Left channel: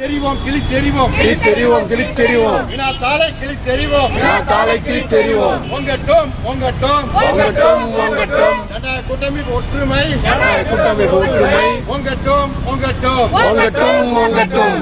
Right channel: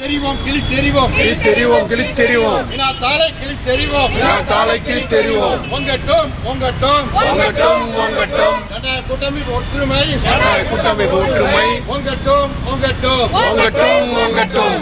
தெரிவோம் கிளி தெரிவோம். கிழித்தெறிவோம் கிழித்தெறிவோம் வினா தாளை கிளி தெரிவோம். நான் தாளை கிழித்தெறிவோம் பொங்கட்டும் பொங்கட்டும். பொங்கட்டும் பொங்கட்டும். கட்டாய கூட்டமைப்பு ஒற்றுமை. கூட்டமைப்பு ஒற்றுமை. பொங்கட்டும் பொங்கட்டும். பொங்கட்டும் பொங்கட்டும்.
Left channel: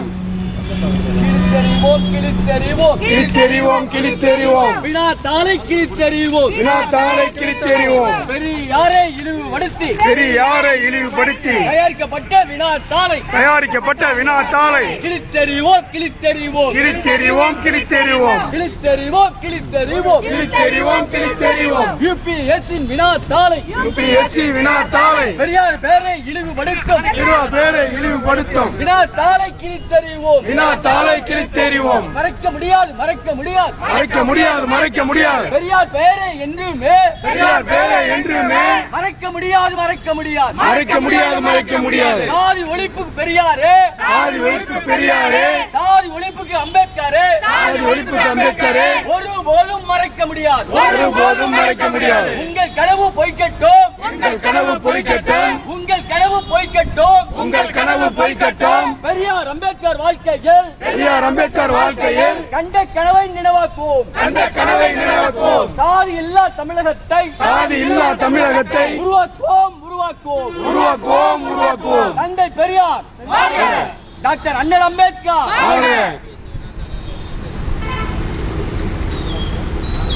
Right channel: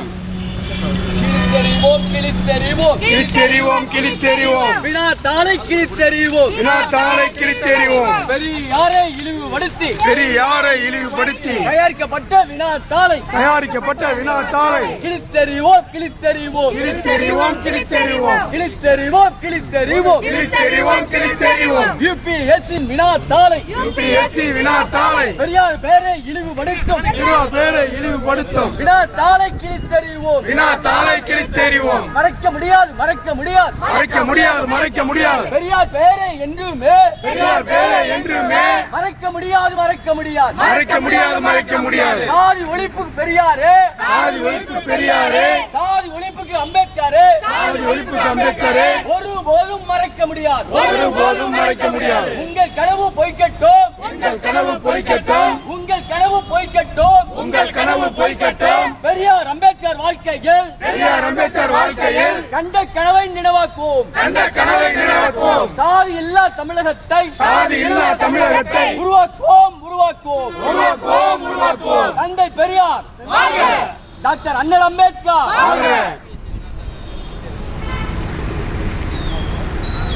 கிழித்தெறிவோம். கிழித்தெறிவோம் கிழித்தெறிவோம். கிழித்தெறிவோம் வினா தாளை கிழித்தெறிவோம். வினா தாளை கிழித்தெறிவோம். பெரியாரை இழிவுபடுத்தி? பெரியாரை இழிவுபடுத்தி? தயாரிக்கப்பட்ட வினா தாளை. தயாரிக்கப்பட்ட வினா தாளை. கிழித்தெறிவோம் கிழித்தெறிவோம். கிழித்தெறிவோம் கிழித்தெறிவோம். கிழித்தெறிவோம் கிழித்தெறிவோம். கிழித்தெறிவோம் கிழித்தெறிவோம். யூபிஎஸ்சி வினா தாளை. யூபிஎஸ்சி வினா தாளை. பெரியார் பேரை இழிவுபடுத்தும். இருவா பேரை இழிவுபடுத்தும். வினா தாளை கிழித்தெறிவோம். வினா தாளை கிழித்தெறிவோம். மறைக்க முடியாது மறைக்க முடியாது. மறைக்க முடியாது மறைக்க முடியாது. பெரியார் பேரை என்றுமே. பெரியார் பேரை என்றுமே. மறைக்க முடியாது மறைக்க முடியாது. மறைக்க முடியாது மறைக்க முடியாது. சாதி ஒழிப்புக்கு பெரியாரே. சாதி ஒழிப்பு பெரியாரே. சாதி ஒழிப்புக்கு அம்பேத்கரே. சாதி ஒழிப்புக்கு அம்பேத்கரே. ஒருபோதும் மறைக்க முடியாது. ஒருபோதும் மறைக்க முடியாது. உங்கள் கனவு பொய்க்கட்டும். உங்கள் கனவு பொய்க்கட்டும். உங்கள் கனவு பொய்க்கட்டும். உங்கள் கனவு பொய்க்கட்டும். பெரியார் அம்பேத்கர் வாழ்க்கையில் பெரியார் அம்பேத்கர் வாழ்க்கையில் கண்ட கனவை நினைவாக்குவோம். கண்ட கனவை நினைவாக்குவோம். சாதி இல்லா தமிழகத்தை சாதி இல்லா தமிழகத்தை உருவாக்குவோம் உருவாக்குவோம். உருவாக்குவோம் உருவாக்குவோம். தந்தை பெரியார். டாக்டர் அண்ணல் அம்பேத்கர்.